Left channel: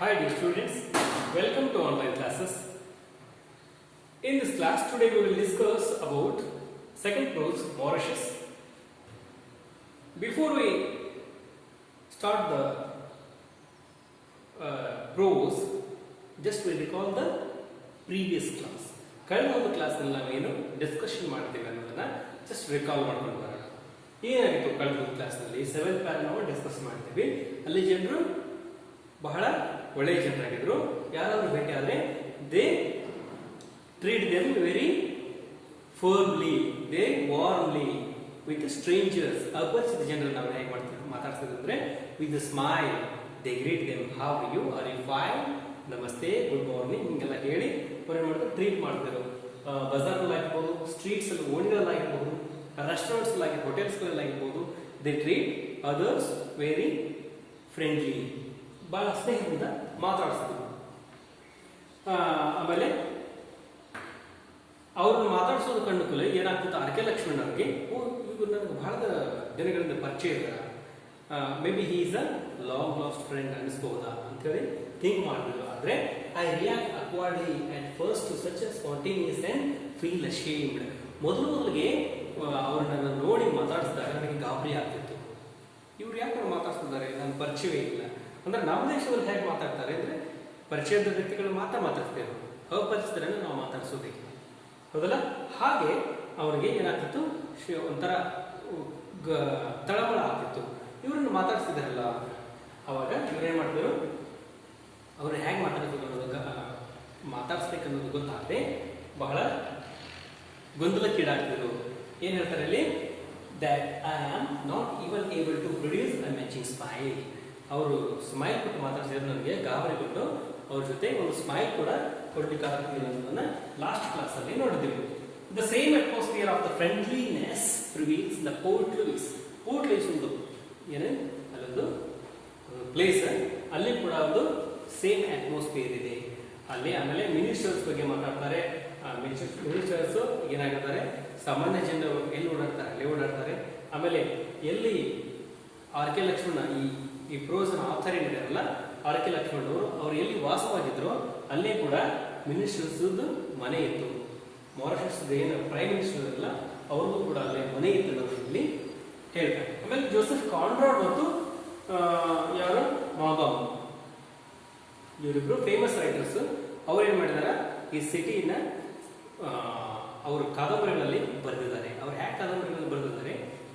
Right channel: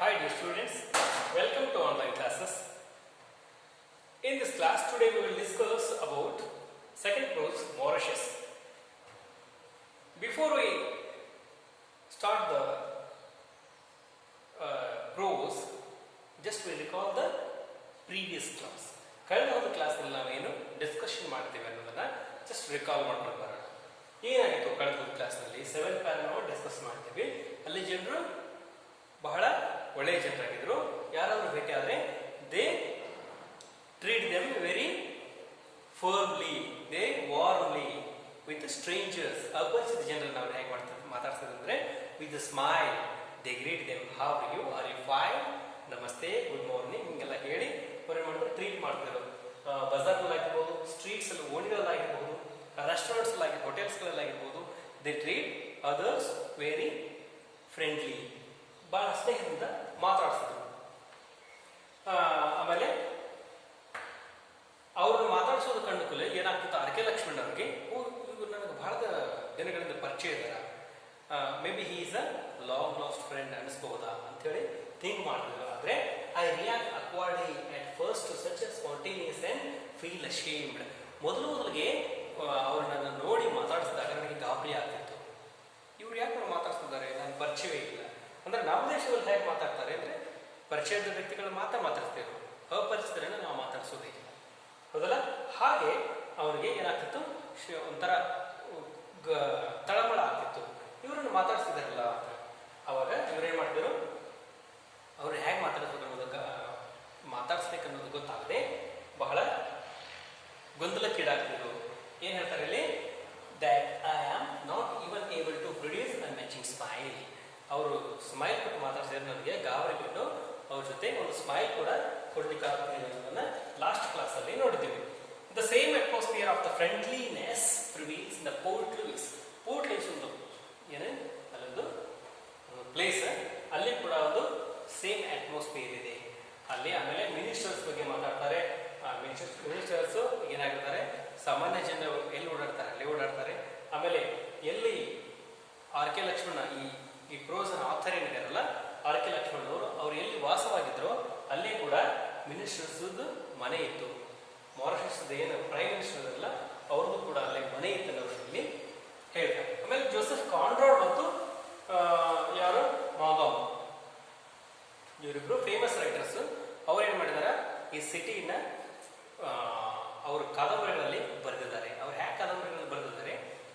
Hi dear students, welcome to online classes. In this class today we will discuss about second prose Mauritius. Before we start the prose, just we recall the previous class. ಕಳೆದ ಒಂದು ಕ್ಲಾಸ್ನಲ್ಲಿ ನಾವೇನು discussion ಮಾಡ್ತೀವಿ ಅನ್ನೋದನ್ನ just recall ಮಾಡ್ಕೊಂಡು ಬರೋಣ. ಏನಾಗಿತ್ತು ಕಳೆದ ಒಂದು ಕ್ಲಾಸ್ನಲ್ಲಿ 7th ಪ್ಯಾರಾ ನಾವು ಡಿಸ್ಕಸ್ ಮಾಡ್ತೀವಿ. ಅಲ್ಲಿ ಜನರು ಬಹಳ ಒಳ್ಳೆಯ ಜನರಾಗಿದ್ರು. ಯಾರಾದ್ರೂ ಭೇಟಿ ಆದ್ರೆ they treat them very firmly, they warmly with strangers. ಅಪರಿಚಿತ ಜನರನ್ನು ನಾವು ಹೇಗೆ ಮಾತಾಡ್ತಿದ್ವಿ ಅಂದ್ರೆ with smile they greet them, how you are you fine, ನಮಸ್ತೆ, ಗುಡ್ ಮಾರ್ನಿಂಗ್ ಹಿಂಗೆಲ್ಲ ಹೇಳಿ ಅವ್ರೇನ್ ಮಾಡ್ತಾರೆ ಟ್ರೀಟ್ ಮಾಡ್ತಾರೆ. ಬಜಾರ್ನಲ್ಲಿ ಆಗಿರ್ಬೋದು, ಸ್ಟ್ರೀಟ್ಸ್ ಅಲ್ಲಿ ಓಣಿಗಳಲ್ಲಿ ಆಗಿರ್ಬೋದು, ರೆಸ್ಟೋರೆಂಟ್ಸ್ ಅಲ್ಲಿ ಹೋಟೆಲ್ಸ್ ಗಳಲ್ಲಿ ಆಗಿರ್ಬೋದು, they treat others very friendly, ಬಹಳ ಸ್ನೇಹದಿಂದ ಮಾತಾಡಿಸ್ತಾರೆ. ಆಮೇಲೆ ಅವ್ರನ್ನ ಮಾತಾಡಿಸೋದು ಕಂಡುಕೂಲೆ ಏನಾಗ್ತಿತ್ತು, ಅರಕೆ ಲಕ್ಷ್ಮಣ್ ಅವ್ರಿಗೆ ಇವ್ರು ನನಗೆ ಬಹಳ ದಿನಗಳಿಂದ ಪರಿಚಯ ಇದ್ದಾರೆ, maybe he is a long lost friend ಅನಿಸ್ಬಹುದಾ ಅಂತೇಳಿ ಥಿಂಕ್ ಮಾಡಿದ್ರು. ಆದ್ರೆ I react awkwardly at first to such a spontaneous and feel ashamed. ಮೊದಲಿಗೆ ಅವ್ರನ್ನ ನೋಡಿ ಮಾತಾಡಿಸಿದಾಗ ನನಗೆ ಗಾಬರಿ ಆಗ್ತಿತ್ತು. ಇವ್ರು ಯಾಕೆ ಮಾತಾಡ್ತಿದ್ದಾರೆ, ನನ್ನ ಪರಿಚಯವೇ ಇಲ್ಲ. ಅಂದ್ರೆ ನಮ್ಮ ದೇಶದಲ್ಲಿ ಹೇಗೆ ಮಾತಾಡ್ತಾರೆ ಅಂದ್ರೆ ಪರಿಚಯದ ವ್ಯಕ್ತಿಗಳು ಮಾತಾಡ್ತೇವೆ, ಅಪರಿಚಿತರನ್ನ ನಾವು ಮಾತಾಡಿಸೋದಿಲ್ಲ, ಹೌದಲ್ಲ? ಹಾಗೆ ಅವ್ರಿಗೆ ಏನಾಗ್ತಿತ್ತು, ಒಂಥರ ತಳಮಳ ಆಗ್ತಿತ್ತು. ಇವ್ರನ್ನ ಮಾತಾಡ್ತಿದಾರಲ್ಲ, ಅವಾಗ ಇವ್ರೇನ್ ಮಾಡ್ತಿದ್ರು, ಅವ್ರು ಹೇಗೆ ಮಾತಾಡ್ಸ್ಬೇಕನ್ನೋದು ಗೊತ್ತಾಗದೆ ಬಹಳ ಗೊಂದಲಕ್ಕೀಡಾಗ್ತಿದ್ರು. ಏನ್ ಹೇಳ್ತಾರೆ ಇಲ್ಲಿ, that I am not even able to produce a matching smile. ಅವರು ಸ್ಮೈಲ್ ಕೊಟ್ಟು ಮಾತಾಡ್ಸಿದ್ರೆ ನನಗೆ ಗಾಬರಿಬಿಟ್ಟು ಅವ್ರ ಜೊತೆ ಒಂದು ಸ್ಮೈಲ್ ಕೂಡ ಕೊಡ್ಲಿಕ್ಕಾಗ್ತಿಲ್ಲ ಅನ್ನೋದನ್ನ ಲಾಸ್ಟ್ ಕ್ಲಾಸ್ ಅಲ್ಲಿ ನೋಡಿದೆವು. The same atmosphere of the friendliness prevails the Port Louis. Port Louis ಒಂದು ಏನೇ ಅಲ್ಲೊಂದು ಪ್ಲೇಸ್, ಅಲ್ಲಿ ಕೂಡ ಒಂದು ಸೇಮ್ ಅಟ್ಮಾಸ್ಫಿಯರ್ ಇದೆ ಅಲ್ಲಿ. ಆಮೇಲೆ ಮಿನಿಸ್ಟರ್ಸ್ ಬಗ್ಗೆ ಮಾತಾಡ್ತಾರೆ. ಮಿನಿಸ್ಟರ್ಸ್ ಏನಾಗಿರ್ತಾರೆ, ಸಾಮಾನ್ಯ ಜನರು ಎಲ್ಲಿ ಓಡಾಡ್ತಾರೆ ಅಲ್ಲಿ ಓಡಾಡ್ತಾರೆ. ಆಮೇಲೆ ಎಲ್ಲಿ ಆರ್.ಕೆ. ಲಕ್ಷ್ಮಣ ಈ ಪ್ರೋಸನ ಆಥರ್ ಏನಿದಾರಲ್ಲ, ಆರ್.ಕೆ. ಲಕ್ಷ್ಮಣ್ ಅವರು ಅವ್ರು ಎಲ್ಲಿ ವಾಸವಾಗಿದ್ರು ಅಲ್ಲೇ ಕೂಡ ಮಿನಿಸ್ಟರ್ಸ್ ಮನೆ ಇತ್ತು. ಮಾರಿಷಸ್ ಏನು ಪ್ರೈಮ್ ಮಿನಿಸ್ಟರ್ ಅಲ್ಲ, ಅವ್ರಿಗೂ ಕೂಡ ಅಲ್ಲೇ ಮನೆ ಇತ್ತು ಅನ್ನೋದ್ರಲ್ಲಿ ಹೇಳ್ತಾರೆ. ಆಮೇಲೆ ಜೋಸೆಫ್ ಕಾನ್ರಾಡ್ ಮತ್ತು ಯಾರು ಮಾಬಾಮ್, ಇವರಿಬ್ರು ಫೇಮಸ್ ರೈಟರ್ಸ್. ಅವ್ರು ಏನ್ ಮಾಡಿದಾರೆ, ಈ ಸಿಟಿನ ಅವ್ರ ಕಾದಂಬರಿಗಳಲ್ಲಿ ಬರೆದಿದ್ದಾರೆ. ಅವ್ರು ಹ್ಯಾಕ್ ಕಾದಂಬರಿಗಳಲ್ಲಿ ಬರೆದಿದ್ದಾರೆ,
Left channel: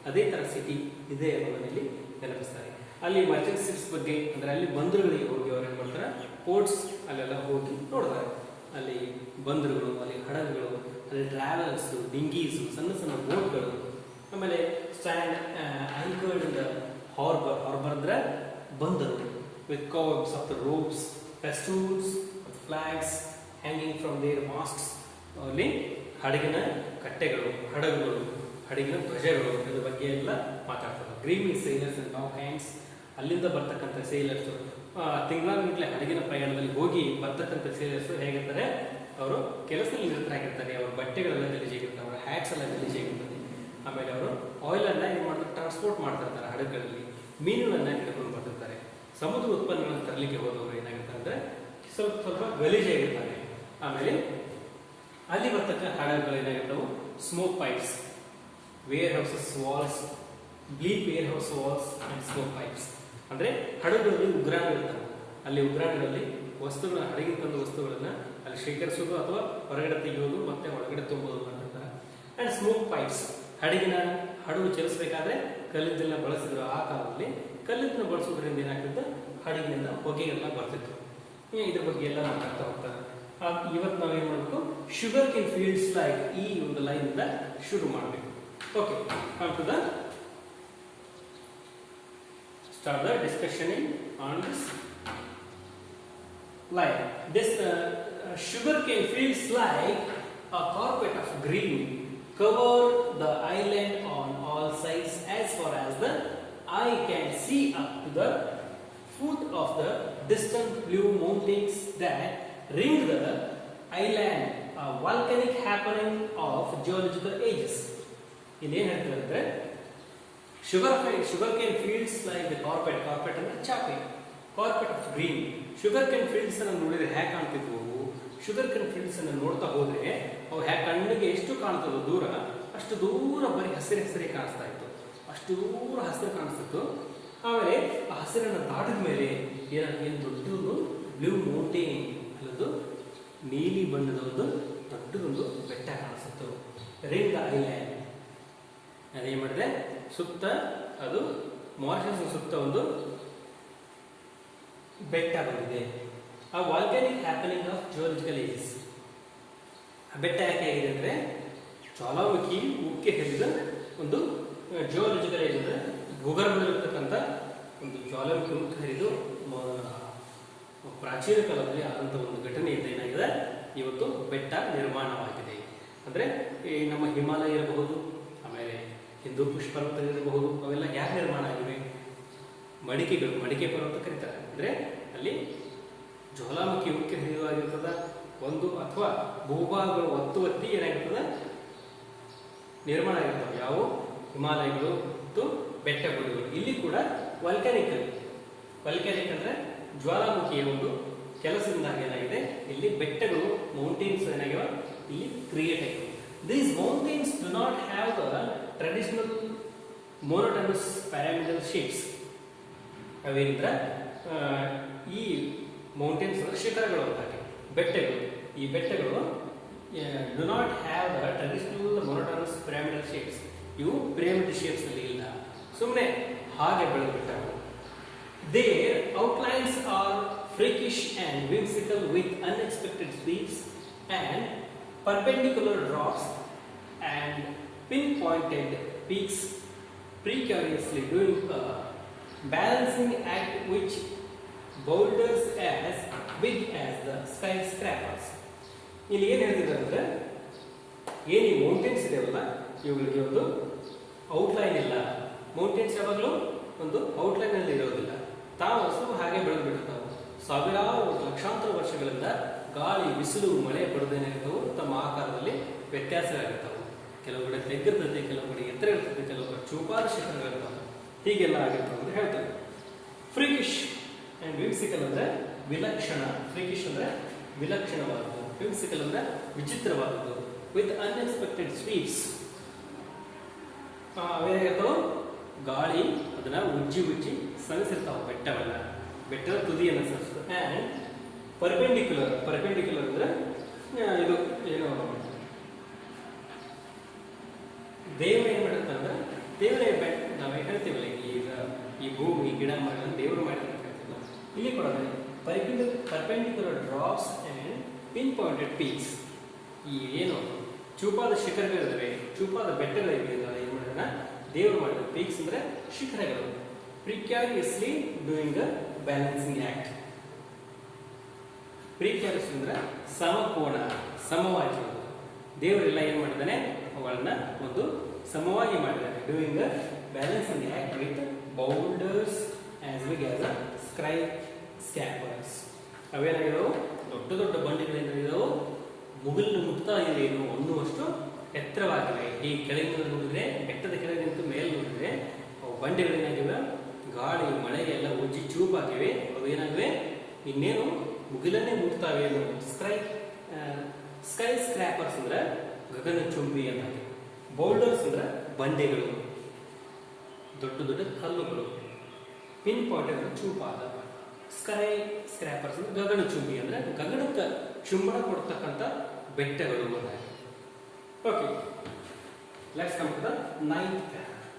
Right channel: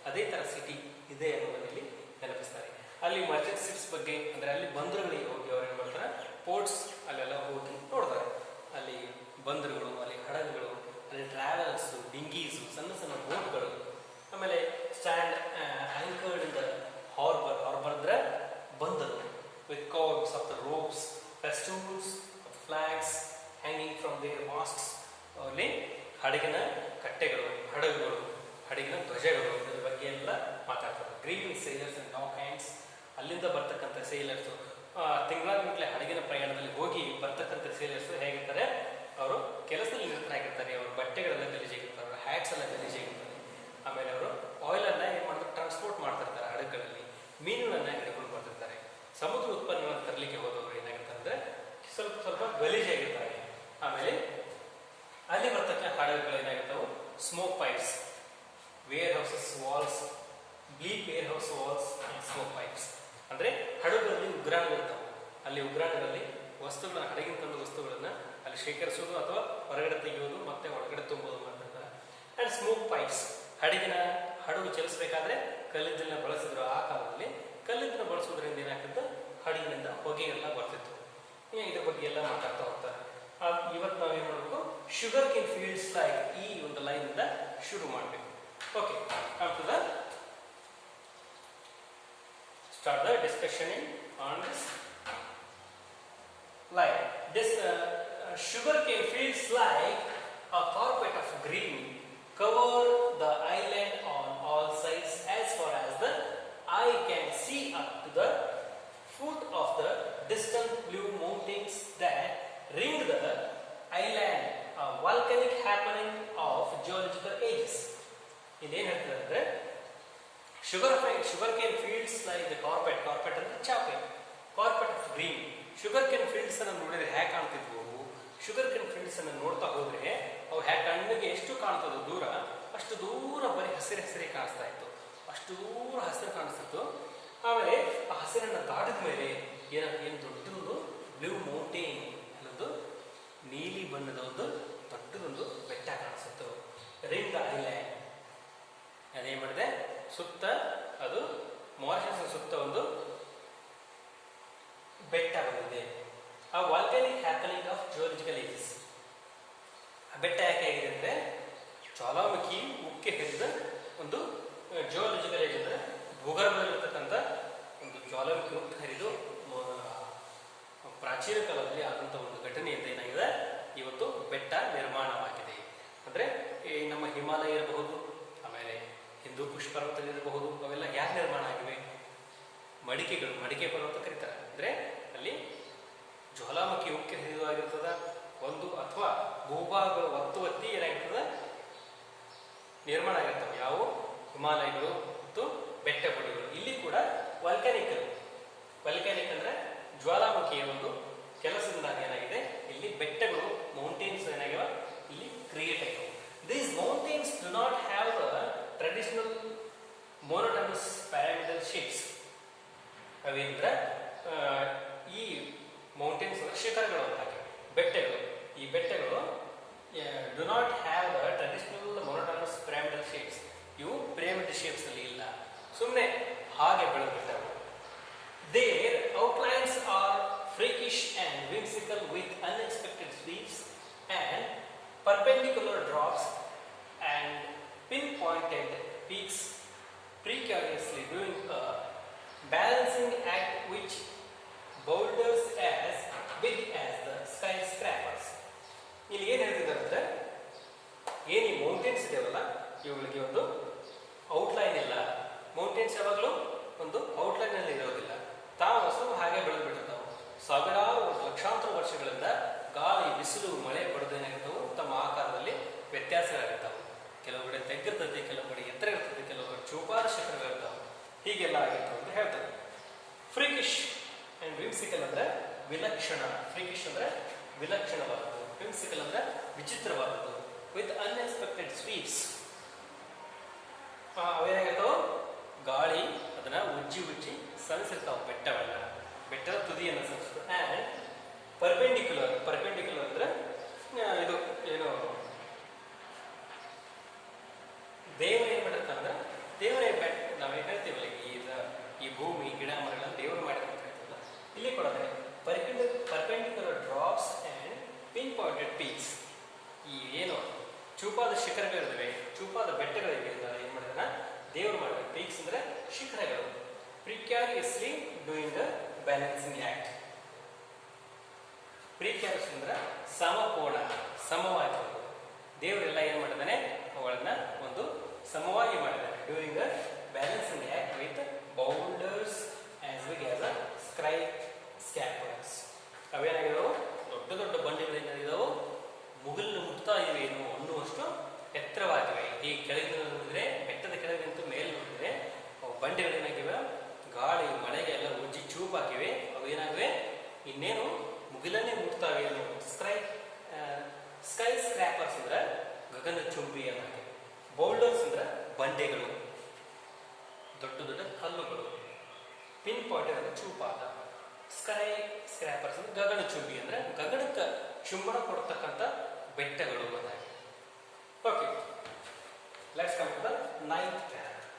ಅದೇ ತರ ಸಿಟಿ ಇದೆ ಅನ್ನೋದರಲ್ಲಿ ನೆನಪಿಸ್ತಾರೆ. ಅಲ್ಲಿ ಮರ್ಚೆಂಟ್ ಶಿಪ್ಸ್ ಬಗ್ಗೆ, ಅಂದ್ರೆ ಅಲ್ಲಿ ಬಂದರುಗಳಿಗೆ ಹೋಗಿ ಅವ್ರು ಏನ್ ಮಾಡ್ತಾರೆ, ಪೋರ್ಟ್ಸ್ ಅಲ್ಲೆಲ್ಲ ಹೋಗಿ ನೋಡ್ತಾರೆ. ಅಲ್ಲಿ ಬಂದರುಗಳು, ಅಲ್ಲಿ ಹಡಗುಗಳು, ಅಲ್ಲಿ ಟ್ರಾವೆಲ್ಸ್, ಡಿಂಗೀಸ್, ಸಣ್ಣ ಸಣ್ಣ ಬೋಟ್ಗಳು. ಆಮೇಲೆ stand anchored in the harbour. Harbour ಅಂದ್ರೆ ಬಂದರು, with curves of the ropes, festoons, flags hanging from their masts. ಅಲ್ಲಿ ಹಡಗಿನ ಕಟ್ಟೆಗಳು, ಹಡಗುಗಳು, ಹಡಗಿನ ಧ್ವಜಗಳು, ಇದ್ರ ಬಗ್ಗೆ ಎಲ್ಲ ಮಾತಾಡ್ತಾರೆ. ಡ್ರೀಮಿಂಗ್ ಸೇಲರ್ಸ್ ಅಂಡ್ ನಾವ್ ಹ್ಯಾಂಡ್ಸ್, ಅಲ್ಲಿಂದ ಬರ್ತಕ್ಕಂಥ ಸೇಲರ್ಸ್, ತಿಂಗಳಾಗಲೇ ಹಡಗಿನ ಪ್ರಯಾಣದಲ್ಲಿ ಹೋಗಿ ಬರ್ತಕ್ಕಂಥ ಸೇಲರ್ಸ್ ಹೇಗಿರ್ತಾರೆ, ಅವರು ಕೆಲಸದಲ್ಲಿ ನಿರತರಾಗಿರ್ತಾರೆ. ಅವ್ರ ಬಟ್ಟೆಗಳೆಲ್ಲ ಗಲೀಜಾಗಿರ್ತಾರೆ, ಅವ್ರ ಹ್ಯಾಟ್ಸ್ ಎಲ್ಲ ಗಲೀಜಾಗಿರ್ತದೆ. ಆಮೇಲೆ ಅವರು ಆಯಿಲ್ ಅನ್ನ ಏನ್ ಮಾಡ್ತಾರೆ, ಟ್ರಾನ್ಸ್ಪೋರ್ಟ್ ಮಾಡ್ತಿರ್ತಾರೆ ಹಡಗುಗಳಲ್ಲಿ. ಮೀನುಗಳನ್ನ ಹಿಡ್ಕೊಂಡು ಬರ್ತಿರ್ತಾರೆ. ಸಮುದ್ರ ಉತ್ಪನ್ನಗಳನ್ನು ತರಲಿಕ್ಕೆ ಹೋದವರು ಏನಾಗಿರ್ತಾರೆ ಅಂದ್ರೆ ಸ್ವಲ್ಪ ಗಲೀಜಾಗಿರ್ತಾರೆ. ಆಮೇಲೆ ಅಲ್ಲಿ ಬರ್ತಕ್ಕಂಥ ಹಡಗುಗಳು ಏನಾಗಿರ್ತಾವೆ, smoke pipes, warehouses walls, bleak warehouse walls and smoke pipes. ಅಂದ್ರೆ ಹಡಗುಗಳಲ್ಲಿ ಉಗ್ರಾಣಗಳಿರ್ತಾವೆ. ಅಲ್ಲಿ ಉಗ್ರಾಣಗಳಲ್ಲಿ ವಸ್ತುಗಳನ್ನ, ಹಡಗಿನ ತಂದ ವಸ್ತುಗಳನ್ನ ಅಲ್ಲಿ ಶೇಖರಿಸೋದು ಅಥವಾ ಹೊರಗಡೆ ತೆಗೆಯೋದು ಮತ್ತೆ ಒಳಗಡೆ ತುಂಬೋದು ಮಾಡ್ತಿರ್ತಾರೆ. ಅಂಡ್ ಸ್ಮೋಕ್ ಪೈಪ್ಸ್, ಹಡಗು ಚಲಿಸಬೇಕಾದ್ರೆ ಕಲ್ಲಿದ್ದನ್ನ ಬಳಸಿದ್ರು. ಆ ಕಾಲದಲ್ಲಿ ಕಲ್ಲಿದ್ದನ್ನ ಬಳಸೋದ್ರಿಂದ ಏನಾಗ್ತಿತ್ತು, ಹಡಗಿನಿಂದ ಹೊಗೆ ಎಲ್ಲ ಬರ್ತಿತ್ತು. ಇದ್ರ ಬಗ್ಗೆ ಎಲ್ಲ ಮಾತಾಡ್ತಾ ಹೋಗ್ತಾರೆ. ಇವತ್ತು ನಾವೇನ್ ಮಾಡ್ಬೇಕು, ಶುಗರ್ ಕೇನ್ ಫೀಲ್ಡ್ಸ್ ಲೈಕ್, ಈ ಒಂದು ಲೈನ್ ಇಂದ ಶುರು ಮಾಡಬೇಕು. Okay, come to the start the discussion on this line. This sugarcane fields like a carpet of green cover the island on all sides as far as the eye can see up to the foot of the distant blue mountains that ring the island, a volcanic happening of geological ages. ಇನ್ನೇನು ಹೇಳ್ತಿದ್ರೆ, sugar cane fields like the carpet ಅಂದ್ರೆ ಚಾಪೆ. Carpet of green. Sugar cane fields ಅನ್ನು ನೋಡಿದ್ರೆ ಹೇಗೆ ಕಾಣ್ತಿದ್ವು ಅವು? Sugar cane fields ಅನ್ನು ನೋಡ್ತಾ ಹೋದ್ರೆ ಅವು ಹೇಗೆ ಕಣ್ಣಿಗೆ ಎಷ್ಟು ಕಾಣ್ತದೋ ದೂರ, ಅಷ್ಟು ದೂರ ಬರೀ ಹಸಿರು ಹಸಿರೇ ಕಾಣಿಸ್ತಾ ಇತ್ತು. ಅಷ್ಟು ದೂರ ಹಸಿರು ಕಾಣಿಸ್ತಿತ್ತು. ಆಮೇಲೆ ಆ ಹಸಿರನ್ನು ದಾಟಿದ ಮೇಲೆ ಏನು ದೊಡ್ಡದೊಂದು ಬ್ಲೂ ಮೌಂಟೇನ್ ಅನ್ನೋದು ನೀಲಿ ಬಣ್ಣದ ಒಂದು ದೊಡ್ಡದೊಂದು ಬೆಟ್ಟ ಕಾಣಿಸುತ್ತು. ರಿಂಗ್ ಐಲ್ಯಾಂಡ್ ಅದೇನ್ ಮಾಡಿದೆ, ಸುತ್ತ ಅದು ಮಾರಿಷಸ್ ಸುತ್ತ ಒಂದು ಬೆಟ್ಟ ಬಂದಿದೆ. ಆ ವಾಲ್ಕಾನಿಕ್ ಹ್ಯಾಪನಿಂಗ್ ಆಫ್ ಜಿಯೋಲಜಿಕಲ್ ಏಜಸ್. ಆ ಬೆಟ್ಟ ಯಾಕೆ ಆಗಿದೆ ಅಂದ್ರೆ ಜ್ವಾಲಾಮುಖಿ ಉಕ್ಕೆ ಹರಿದ ಒಂದು ಜಿಯೋಲಜಿಕಲ್ ಏಜ್ ಅಂದ್ರೆ ಭೂಗರ್ಭದಲ್ಲಿರ್ತಕ್ಕಂಥ ಒಂದು ಜ್ವಾಲಾಮುಖಿ ಉಕ್ಕೆ ಹರಿದು ಪ್ರಾಚೀನ ಕಾಲದಲ್ಲಿ ಆದಂತಹ ಒಂದು ಘಟನೆಯಿಂದ ಏನಾಗಿದೆ, ಇವತ್ತು ಬೆಟ್ಟ ನಿರ್ಮಾಣವಾಗಿದೆ. ಅಂದ್ರೆ ಈ ನಮ್ಮ ಹಿಮಾಲಯ ಇರಬಹುದು, ಆಮೇಲೆ ಹಿಂದೂ ಕುಶ್ ಪರ್ವತ ಇರಬಹುದು, ಅವೆಲ್ಲ ಯಾಕೆ ನಿರ್ಮಾಣ ಆಗಿವೆ? ಮಡಿಕೆ ಪರ್ವತ ಕರೀತಾರೆ. ಅಂದ್ರೆ ಅಲ್ಲಿ ಜ್ವಾಲಾಮುಖಿ ಉಕ್ಕೆ ಹರಿದಾಗಿರ್ತದ ಒಂದು, ಅಥವಾ ಭೂಭಾಗಗಳು ಒತ್ತಿ ಏನಾಗಿರ್ತದ ನಿರ್ಮಾಣ ಆಗಿರ್ತವೆ. ಯಾವ ಹಿಮಾಲಯಗಳು ಮತ್ತು ಬೆಟ್ಟಗಳು. ಇಲ್ಲಿ ಕೂಡ ವಾಲ್ಕಾನಿಕ್ ಅಂದ್ರೆ ಜ್ವಾಲಾಮುಖಿಯ ಒಂದು ಕೆಲಸದಿಂದ ಏನಾಗಿದೆ, ಇಲ್ಲಿ ಬೆಟ್ಟಗಳು ಮೌಂಟೇನ್ಸ್ ಏನಾಗಿವೆ ಇಲ್ಲಿ ಕ್ರಿಯೇಟ್ ಆಗಿವೆ. These mountains do not have the traditional monotonous pyramidal shapes. ಅವೇಂದ್ರ ಈ ಮೌಂಟೇನ್ಸ್ ಅಂದ್ರೆ ಶಿಖರಗಳು ಅಂತಾಗೆ ಬೆಟ್ಟಗಳು. ಈ ಬೆಟ್ಟಗಳು do not have the traditional monotonous pyramidal shapes. ಇವು ಪಿರಮಿಡ್ ಶೇಪ್ಸ್ ಅಲ್ಲಿ ಇಲ್ಲ, ಸುಮ್ಮನೆ ಹಾಗೆ ಬೆಳೆದ್ಬಿಟ್ಟವು. Their outlines are freakish and whimsical with unexpected sweeps and perpendicular drops and pinpointed peaks, precariously doing a balancing act which boulders as big as the skyscrapers. ಇಲ್ಲಿ ಏನು ಹೇಳ್ತಿದ್ದಾರೆ ಅಂದ್ರೆ, ಏನು ಈ ಮೌಂಟೇನ್ಸ್ ಇದೆಯಲ್ಲ ಇವುಗಳಿಗೆ ಒಂದು ಔಟ್ಲೈನ್ ಇಲ್ಲ. ಮೌಂಟೇನ್ಸ್ ಯಾವಾಗಲೂ ಒಂದು ಔಟ್ಲೈನ್ ಅಲ್ಲಿ ಇರೋದಿಲ್ಲ, ತಾವು ಸ್ವಲ್ಪ ಹಾಗೆ ಬೆಳೆದ್ಬಿಡ್ತಾವೆ. ಸಾವಿರಾರು ಲಕ್ಷಾಂತರ ವರ್ಷಗಳಿಂದ ಗಾಳಿ, ಬಿಸಿಲು, ಮಳೆ ಪಡೆದೇನಾಗಿರ್ತಾವೆ, ತಮ್ಮ ಆಕಾರದಲ್ಲಿ ವ್ಯತ್ಯಾಸಗಳಾಗಿರ್ತಾವೆ. ಕೆಲವು ಕಡೆ ತೆಗ್ಗಿರ್ತದೆ, ಕೆಲವು ಕಡೆ ಎತ್ತರ ಇರ್ತದೆ, ಕೆಲವು ಕಡೆ ಚೂಪಾದ ಶಿಖರಗಳಿರ್ತಾವೆ. ಹೀಗೆಲ್ಲ ಆಗಿರ್ತಾವೆ ಅಂತ ಹೇಳ್ತಾರೆ. ಫ್ರೀಕಿಶ್ ಅಂಡ್ ವಿಮ್ಸಿಕಲ್ ಅಂದ್ರೆ ವಿಲಕ್ಷಣ. ಫ್ರೀಕಿಶ್ ಅಂದ್ರೆ ವಿಲಕ್ಷಣವಾದದ್ದು, ವಿಮ್ಸಿಕಲ್ ಅಂದ್ರೆ ವಿಚಿತ್ರವಾದದ್ದು. With unexpected sweeps. ಅವೇನಾಗಿರ್ತಾವೆ, ಗಾಳಿ ಅದನ್ನ ಉಜ್ಜಿ ಸರಿಸಿರ್ತಾವೆ ಬೆಟ್ಟವೆಲ್ಲ, ಬೆಟ್ಟದ ತುದಿಯನ್ನು ಸರಿಸ್ತದೆ. ಆ್ಯಂಡ್ ಪರ್ಪೆಂಡಿಕ್ಯುಲರ್ ಅಂದ್ರೆ ಇದು ಏನು ದೇವರ ಏನ್ ಮಾಡಿರ್ತಾನೆ, ದೇವರೇ ನಾವೇನು ಹೇಳ್ತೀವಲ್ಲ, ಈ ಭೂಮಿ, ಗಿಡ, ಮರಗಳನ್ನು ದೇವರು ಮಾಡಿರ್ತಾರಲ್ಲ, ಇಲ್ಲಿ ಕೂಡ perpendicular drops and pin pointed peaks. ಈ ಏನು ಚೂಪಾದ ಶಿಖರಗಳಿವೆ, ಚೂಪಾದ ಬೆಟ್ಟಗಳಿವೆ, ಏನ್ ಮಾಡಿದಾನ ದೇವರು ಮಾಡಿದ. ಪೀಕ್ಸ್ ಅಂದ್ರೆ ಶಿಖರಗಳು. ಪ್ರಿಕ್ಯಾರಿಯಸ್ಲಿ ಡೂಯಿಂಗ್ ಅ ಬ್ಯಾಲೆನ್ಸಿಂಗ್ ಆಕ್ಟ್. ಪ್ರಿಕ್ಯಾರಿಯಸ್ ಅಂದ್ರೆ ಸಮಕೋಣ, ಸಮವಾಗಿ. ದೇವರೆಲ್ಲ ಏನ್ ಮಾಡಿದಾನೆ, ಅವುಗಳನ್ನ ಒಂದು ಸಮವಾಗಿ ಮಾಡಿದ್ದಾರೆ. Doing a balancing act with boulders as big as a scrapers. ಅವೇನಾಗಿದಾವು, ದೊಡ್ಡ ದೊಡ್ಡ ಬಂಡೆಗಳೇನಾಗಿದಾವು, ಮುಗಿಲಿನ ಮುಟ್ತಾ ಇವೆ ಅನ್ನುವಷ್ಟು ಎತ್ತರವಾಗಿವೆ. ಈ ಕೆಳಗಿನ ನೋಡಿದ್ರೆ, ಬೆಟ್ಟದ ಕೆಳಗಿನ ಮೇಲೆ ನೋಡಿದ್ರೆ ಅವು ಬಂಡೆಗಳೇನಾಗಿವೆ, ಗಾಳಿ ಮಳೆಗೆಲ್ಲ ಉಜ್ಜಿ ಚೂಪಾಗಿವೆ. ಅವು ಏನಾಗಿವೆ, ಇನ್ನೇನು ಮುಗಿಲನ್ನೇ ಮುಟ್ತಾವೆ. ಸ್ಕೈ ಸ್ಕ್ರಾಪರ್ಸ್ ಅಂದ್ರೆ ಗಗನ ಚುಂಬಿ ಅನ್ನಾಗಿ. ಬೌಲ್ಡರ್ಸ್ ಅಂದ್ರೆ ಬಂಡೆಗಳು, ದೊಡ್ಡ ದೊಡ್ಡ ಕಲ್ಲುಗಳು. ಪಿನ್ ಪಾಯಿಂಟ್ ಅಂದ್ರೆ ಚೂಪಾದ. ಸ್ಕೈ ಸ್ಕ್ರಾಪರ್ಸ್ ಅಂದ್ರೆ ಗಗನ ಚುಂಬಿ ಅಂದ್ರೆ ಗಗನಕ್ಕೆ ಚುಂಬನ ಕೊಡ್ತಕ್ಕಂಥ ಬೆಟ್ಟಗಳು ಅನ್ನಾಗಿ. Okay, let's come to the 9th chapter.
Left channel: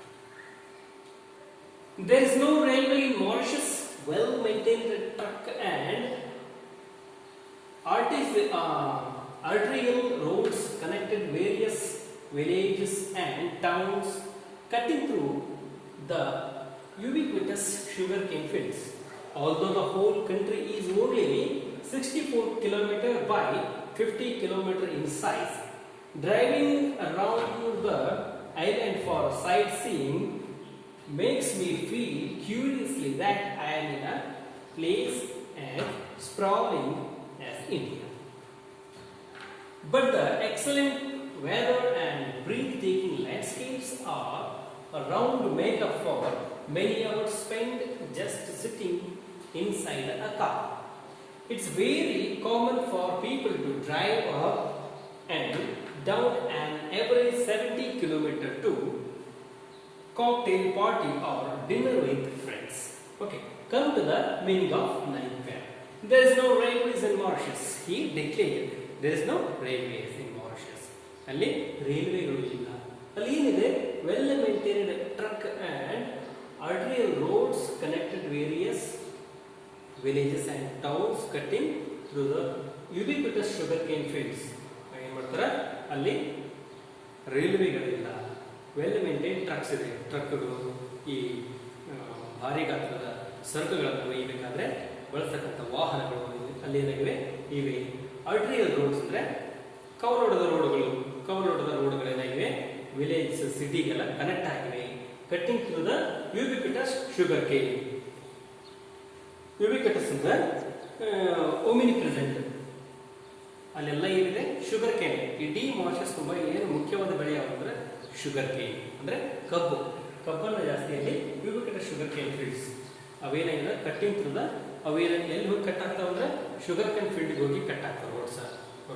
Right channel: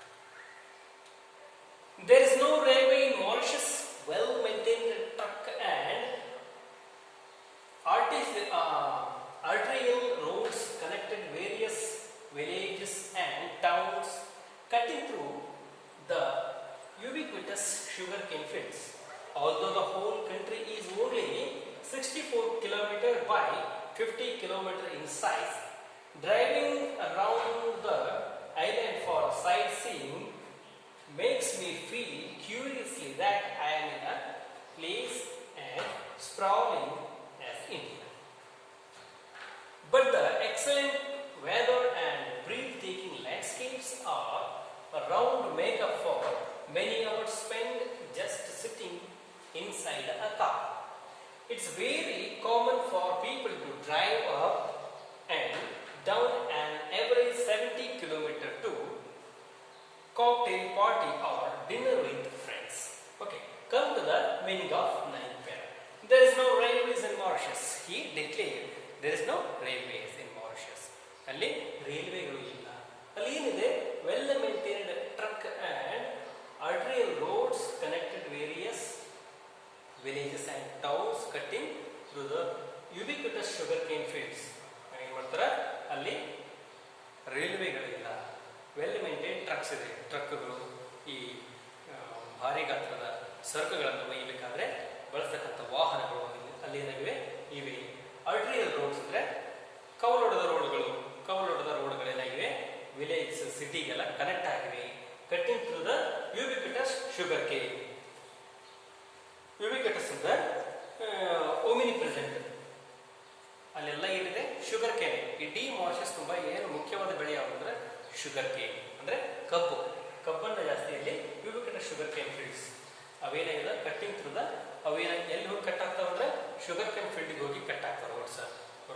There is no railway in Mauritius. Well-maintained truck and arterial roads connected various villages and towns, cutting through the ubiquitous sugarcane fields. Although the whole country is only 64 km by 50 km in size, driving around the island for sightseeing makes me feel curiously that I am in a place as sprawling as India. But the excellent weather and breathtaking landscapes are around to make up for many hours spent just sitting inside a car. It's very common for people to drive up and down an average 70 kilometer to cocktail party or dinner with friends. Okay, come to the meaning of ninth pair. There is no railways in Mauritius. He declared there is no railways in Mauritius. ಅಲ್ಲಿ ರೈಲ್ವೆಗಳು ಇಲ್ಲ. ಅಲ್ಲಿ ಏನಿದೆ, well maintained truck and arterial roads connected various villages and towns cutting through the ubiquitous sugarcane fields. ಏನು ಮಾಡ್ತಾರೆ, ಅಲ್ಲಿ ರೈಲ್ವೆಗಳಿಲ್ಲ, well maintain trucks ಇದೆ, ಟ್ರಕ್ಗಳು ಈ ಭಾರಿ ಗಾತ್ರದ ಸರಕುಗಳನ್ನು ಒಯ್ಯಬೇಕಾದ್ರೆ ಬಳಸತಕ್ಕಂಥ ವಾಹನಗಳು ಅಲ್ಲಿ ಏನಾಗಿವೆ ಇವೆ. ಆರ್ಟರಿಯಲ್ ರೋಡ್ಸ್ ಅಂದ್ರೆ ಕವಲೊಡೆದ ರೋಡ್ಗಳೇನಾಗಿವೆ, ವಿಲೇಜ್ ಸಿಟಿಗೆಲ್ಲ ಕನೆಕ್ಟ್ ಆಗಿವೆ. Cutting through the ubiquitous sugar cane. Ubiquitous ಅಂದ್ರೆ ಓಮಿನಿ ಪ್ರೆಸೆಂಟ್, ಅಲ್ಲೆಲ್ಲ ಏನಿದೆ ಶುಗರ್ ಕೇನ್. ಇಡೀ ಮಾರಿಷಸ್ ತುಂಬಾ ಏನು ಮುಖ್ಯವಾದ ಬೆಳೆ ಯಾವಂದ್ರೆ ಶುಗರ್ ಕೇನ್, ಅಂದ್ರೆ ಕಬ್ಬನ್ನ ಜಾಸ್ತಿ ಅಲ್ಲಿ ಯುಬಿಕ್ವಿಟಸ್ ಶುಗರ್ ಕೇನ್ ಫೀಲ್ಡ್ಸ್ ಅವೇನಾಗಿದೆ ಕಟ್ಟಿಂಗ್ ಥ್ರೂ ದ ಎಲ್ಲಿ ಹೋಗಿ ಕಟ್ ಆಗ್ತಾವ ಅಂದ್ರೆ ಶುಗರ್ ಕೇನ್ ಫೀಲ್ಡ್ಗೆ ಹೋಗಿ ಕಟ್ ಆಗ್ತಾವ.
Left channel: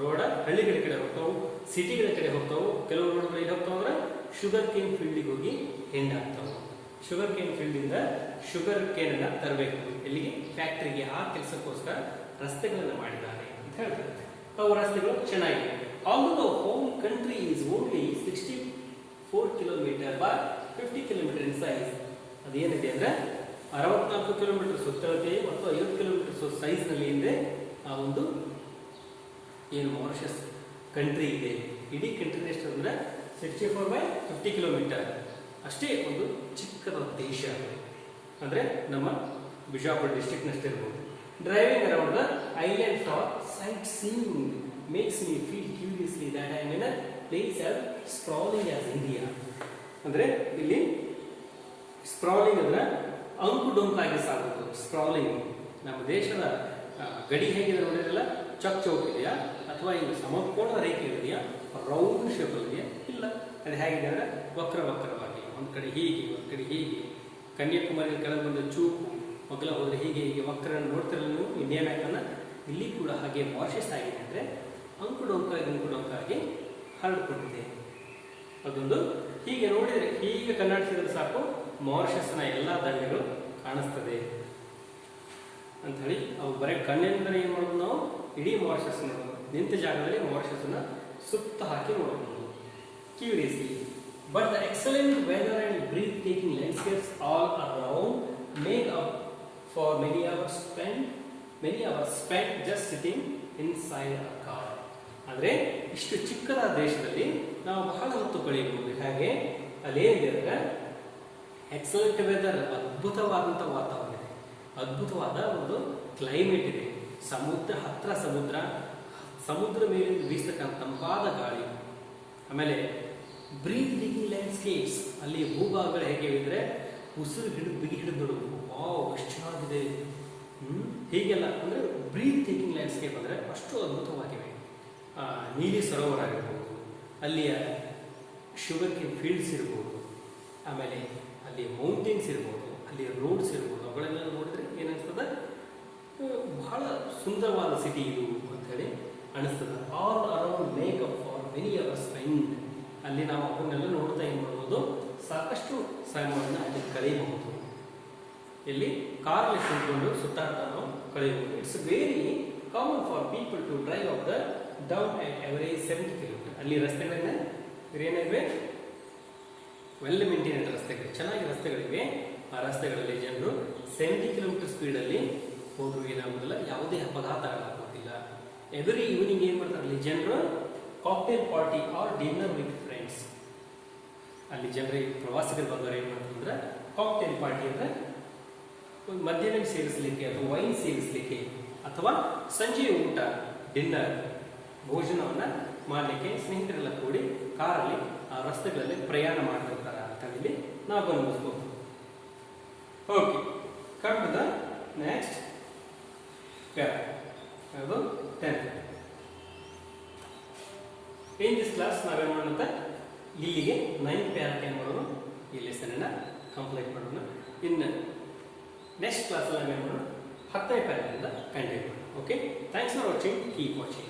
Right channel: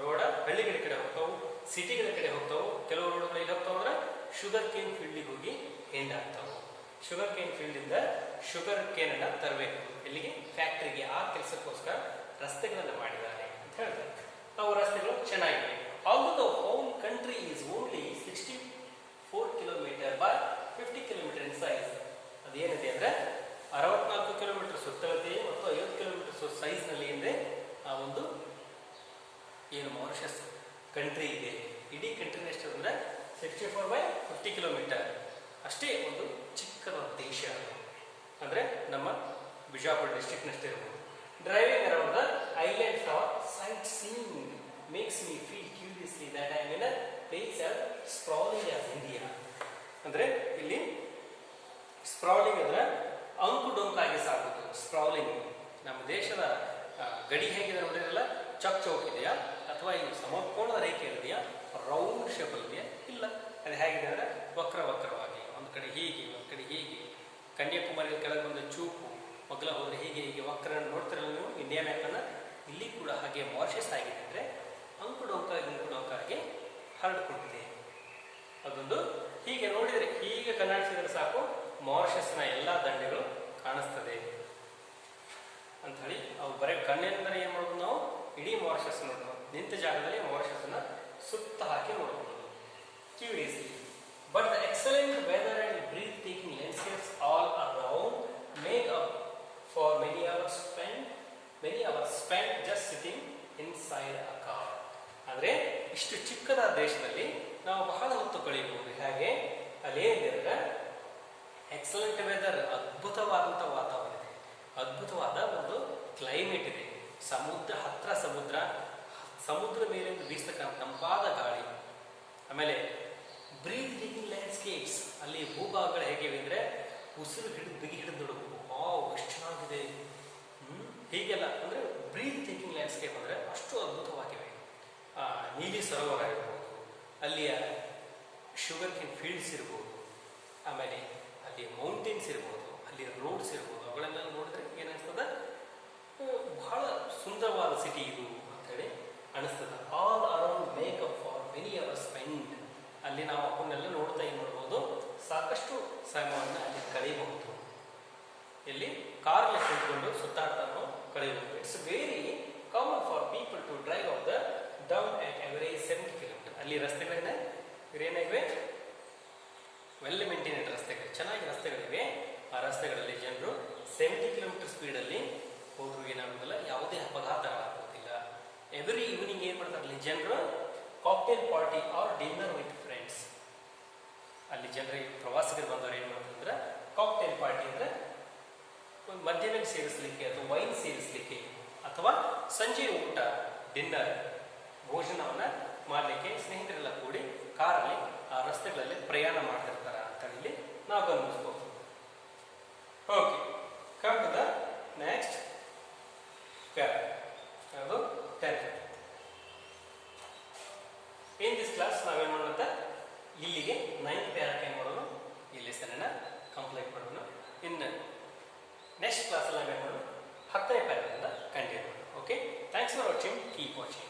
ರೋಡ ಹಳ್ಳಿಗಳ ಕಡೆ ಹೋಗ್ತಾವು, ಸಿಟಿಗಳ ಕಡೆ ಹೋಗ್ತಾವು. ಕೆಲವು ರೋಡ್ಗಳು ಎಲ್ಲಿ ಹೋಗ್ತಾವ ಅಂದ್ರೆ ಶುಗರ್ ಕೇನ್ ಫೀಲ್ಡ್ಗೆ ಹೋಗಿ ಎಂಡ್ ಆಗ್ತಾವು. ಶುಗರ್ ಕೇನ್ ಫೀಲ್ಡ್ ಇಂದ ಶುಗರ್ ಕೇನ್ ಅನ್ನ ತರಬೇಕು ಎಲ್ಲಿಗೆ, ಫ್ಯಾಕ್ಟರಿಗೆ. ಆ ಕೆಲಸಕ್ಕೋಸ್ಕರ ರಸ್ತೆಗಳನ್ನು ಮಾಡಿದ್ದಾರೆ ಅಂತ ಹೇಳ್ತಾರೆ. ಅವು ರಸ್ತೆಗಳು ಚೆನ್ನಾಗಿವೆ. Although the whole country is only 64 kilometre by 50 kilometre in size. ಅದೇನಿದೆ ಅಂದ್ರೆ 64 ಕಿಲೋಮೀಟರ್ ಸುತ್ತಳತೆ ಮತ್ತು 50 ಕಿಲೋಮೀಟರ್ ಸೈಜ್ ನಲ್ಲಿ ಏನಿದೆ ಆ ಒಂದು ಏನು ಮಾರಿಷಸ್ ಕಂಟ್ರಿ ಇದೆ. ಇಡೀ ಕಂಟ್ರಿ ಎಷ್ಟು ಅಂದ್ರೆ 64 ಬೈ 50 ಕಿಲೋಮೀಟರ್. ಅಷ್ಟೇ ಒಂದು ಚಿಕ್ಕದ ದೇಶ ಅಂದ್ರೆ ನಮ್ಮ ಬಿಜಾಪುರ ಡಿಸ್ಟ್ರಿಕ್ಟ್ ನಷ್ಟೇ ಇರಬಹುದು. Driving around the island for sightseeing makes me feel curiously that I mean place as sprawling as India. ಅಂದ್ರೆ ಇಲ್ಲಿ ಸ್ಪ್ರಾಲಿಂಗ್ ಅಂದ್ರೆ ಅಂಕು ಡೊಂಕಾಗಿ ಸಾಗುವುದು. ಸ್ಪ್ರಾಲಿಂಗ್ ನಮ್ಮ ದೇಶದ ಗಡಿ ಹೇಗಿದೆ ನೋಡಿರಲ್ಲ, ಚಕ್ ಚೌಕ್ ಇದೆಯಾ ಅಥವಾ ಇದು ಸಮಕೋಣ ರೇಖೆ ಇದೆಯಾ, ರೌಂಡ್ ಶೇಪ್ ಇದೆಯಾ? ಇಲ್ಲ, ಅದು ಹೇಗಿದೆ ಅಂದ್ರೆ ವಕ್ರವಾಗಿ, ಒಂದು ಕಡೆ ಹೀಗೆ ಒಂದು ಕಡೆ ಹೀಗೆ. ಕನ್ಯಾಕುಮಾರಿ ಕೆಳಗೆ ಬಂದ ಚೂಪು ಮಗ್ಲ ಹೋದ್ರೆ ಹೀಗೆ ವಕ್ರ ನೋಡ್ತಿರಲ್ಲ ನೀವು ಇಂಡಿಯಾ ಮ್ಯಾಪ್ ಅನ್ನ. ಇಲ್ಲಿ ಕೂಡ ಹಾಗೆ ಮಾರಿಷಸ್ ಆಗಿದೆ ಅಂದ್ರೆ ಅಂಕು ಡೊಂಕಾಗಿ ಹರಡಿಕೊಂಡಿದೆ. ಅದೊಂದು ಹೀಗೆ ನೋಡಿದ್ರೆ, ಹೀಗೆ ಕನ್ನಡಿಸಿದ್ರೆ ಸಾಕು ಮಾರಿಷಸ್ನ ಎಲ್ಲಾ ದಂಡೆಗಳು ಕಾಣಿಸ್ತದೆ ಅಂತ ಹೇಳಿ. ಅವು ಬರೀ ಕಣ್ಣಿನಿಂದ ಏನ್ ಮಾಡೋದು, ನಾವು ಇಡೀ ಮಾರಿಷಸ್ ನೋಡ್ಬೋದು. ನಿಂತ ಜಾಗದಲ್ಲಿ ಮಾರಿಷಸ್ ಅನ್ನ ಸುತ್ತ ಹಾಕಿ ನೋಡಬಹುದು curiously. But the excellent weather and breathtaking landscapes all around make up for many hours spent just sitting inside a car. ಅಂದ್ರೆ ಇಷ್ಟು ಚಿಕ್ಕದಾದ ದೇಶದಲ್ಲಿ ನಾವು ಬಹಳ ಹೊತ್ತು ಕಳೆಯಬಹುದು. ಹಾಗೆ ಅಲ್ಲೇನಿದೆ ಎಕ್ಸಲೆಂಟ್ ವೆದರ್, ಅದ್ಭುತವಾದಂತಹ ವಾತಾವರಣ ಇದೆ, ಅದ್ಭುತವಾದ ಒಂದು ಕ್ಲೈಮೇಟ್ ಇದೆ. ಹತ್ರ ಸಮುದ್ರ ಮೇಲೆ ಬೀಸತಕ್ಕಂಥ ತಂಪಾದ ಗಾಳಿ. ಆಮೇಲೆ ಬ್ರೀತ್ ಟೇಕಿಂಗ್ ಲ್ಯಾಂಡ್ಸ್ಕೇಪ್ಸ್, ಅಲ್ಲಿ ಭೂಭಾಗಗಳು ಹೇಗೆ ಇದ್ರೆ ಉಸಿರು ಬಿಗಿ ಹಿಡಿದು ನೋಡಬಹುದು. ಎಷ್ಟು ಚೆನ್ನಾಗಿದೆ ಹೀಗೆಲ್ಲ. ಅಂದ್ರೆ ಬ್ರೀತ್ ಟೇಕಿಂಗ್ ಲ್ಯಾಂಡ್ಸ್ಕೇಪ್ ಅಂದ್ರೆ ಅಷ್ಟು ಅದ್ಭುತವಾಗಿವೆ. ನೀಲಿ ಸರೋವರ ಇರಬಹುದು, ಅಲ್ಲಿಯ ಶುಗರ್ ಕೇನ್ ಫೀಲ್ಡ್ಸ್ ಇರಬಹುದು, ಆಮೇಲೆ ಅಲ್ಲಿ ಮೌಂಟೇನ್ಸ್ ಇರ್ಬೋದು, ಅಲ್ಲಿ ರೋಡ್ಸ್ ಇರ್ಬೋದು. ಅವುಗಳನ್ನೆಲ್ಲ ನೋಡಿದ್ರೆ ಏನನ್ಸ್ತದ, ಬಹಳ ಸುಂದರವಾದ ಸಿಟಿ ಇದು ಅಂತ ಹೇಳಿ ಅನಿಸ್ತದ. All around make up for many hours spend. ಅಲ್ಲಿ ನಾವು ಅವನ್ನೆಲ್ಲ ನೋಡ್ತಾ ಏನ್ ಮಾಡ್ಬೋದು, ಸಾಕಷ್ಟು ಸಮಯವನ್ನು ಅಲ್ಲಿ ಕಳೆಯಬಹುದು. ಇಲ್ಲಿ ಕಾರ್ ಕುತ್ಕೊಂಡು ಸುತ್ತಾಡ್ತಾ ನಾವು ಕಳೆಯಬಹುದು. It's very common for people to drive off the down at average 70 kilometre. ಅಲ್ಲಿ ರಸ್ತೆಗಳನ್ನ ಏನಿವೆ, ವೆಲ್ ಮೇಂಟೈನ್ಡ್ ರಸ್ತೆಗಳು, ಚೆನ್ನಾಗಿ ರಸ್ತೆಗಳಿವೆ. ಆ ರಸ್ತೆಗಳಲ್ಲಿ ಜನರು 70 ಕಿಲೋಮೀಟರ್ ಸ್ಪೀಡಲ್ಲಿ ಹೋದ್ರು ಏನಾಗುದಿಲ್ಲ, ಯಾವುದೇ ಅಪಘಾತಗಳಾಗುತ್ತಿಲ್ಲ. ಎವ್ರಿ ಈವ್ನಿಂಗ್ ಏನ್ ಮಾಡ್ತಾರೆ ಅಲ್ಲಿ ಜನರು, cocktail party or dinner with friends. ಅಲ್ಲಿ ಜನರಿಗೆ ಪ್ರವಾಸಿಗರು ಬಂದವರು ಏನ್ ಮಾಡ್ತಾರೆ ಅಂದ್ರೆ ಕಾಕ್ಟೇಲ್ ಪಾರ್ಟಿ ಅಂದ್ರೆ ಒಂದು ಮಧ್ಯಾಹ್ನ ಸೇವಿಸಲಿಕ್ಕೆ ಅಥವಾ ವೈನ್ ಸೇವಿಸಲಿಕ್ಕೆ ಅಥವಾ ಸಂಜೆ ಊಟ ಡಿನ್ನರ್ ಭೋಜನವನ್ನ ಮಾಡಲಿಕ್ಕೆ ಸ್ನೇಹಿತರೆಲ್ಲ ಕೂಡಿ ಕಾರಲ್ಲಿ ಆ ರಸ್ತೆಗಳಲ್ಲಿ ಪ್ರಯಾಣ ಮಾಡ್ತಿರ್ತಾರೆ ಅಂತ ಹೇಳಿ ನಾವು ಗಮನಿಸಬಹುದು. Okay, come to the next para. ಅದು 10th. ಇನ್ ದಿಸ್ ಕ್ಲಾಸ್ ನಾವೇನ್ ಮಾಡೋಣ, ಇಲ್ಲಿಗೆ 9th ಪ್ಯಾರಕ್ಕೆ ಏನ್ ಮಾಡೋಣ, ಈ ಲೆಸನ್ ಅನ್ನ ಕಂಪ್ಲೀಟ್ ಮಾಡೋಣ. ಇನ್ನು ನೆಕ್ಸ್ಟ್ ಕ್ಲಾಸ್ ನಾವೇನ್ ಮಾಡೋಣ 10ನೇ ಪ್ಯಾರಾದಿಂದ ಕಂಟಿನ್ಯೂ ಮಾಡಿ. Okay, thanks for watching, keep watching.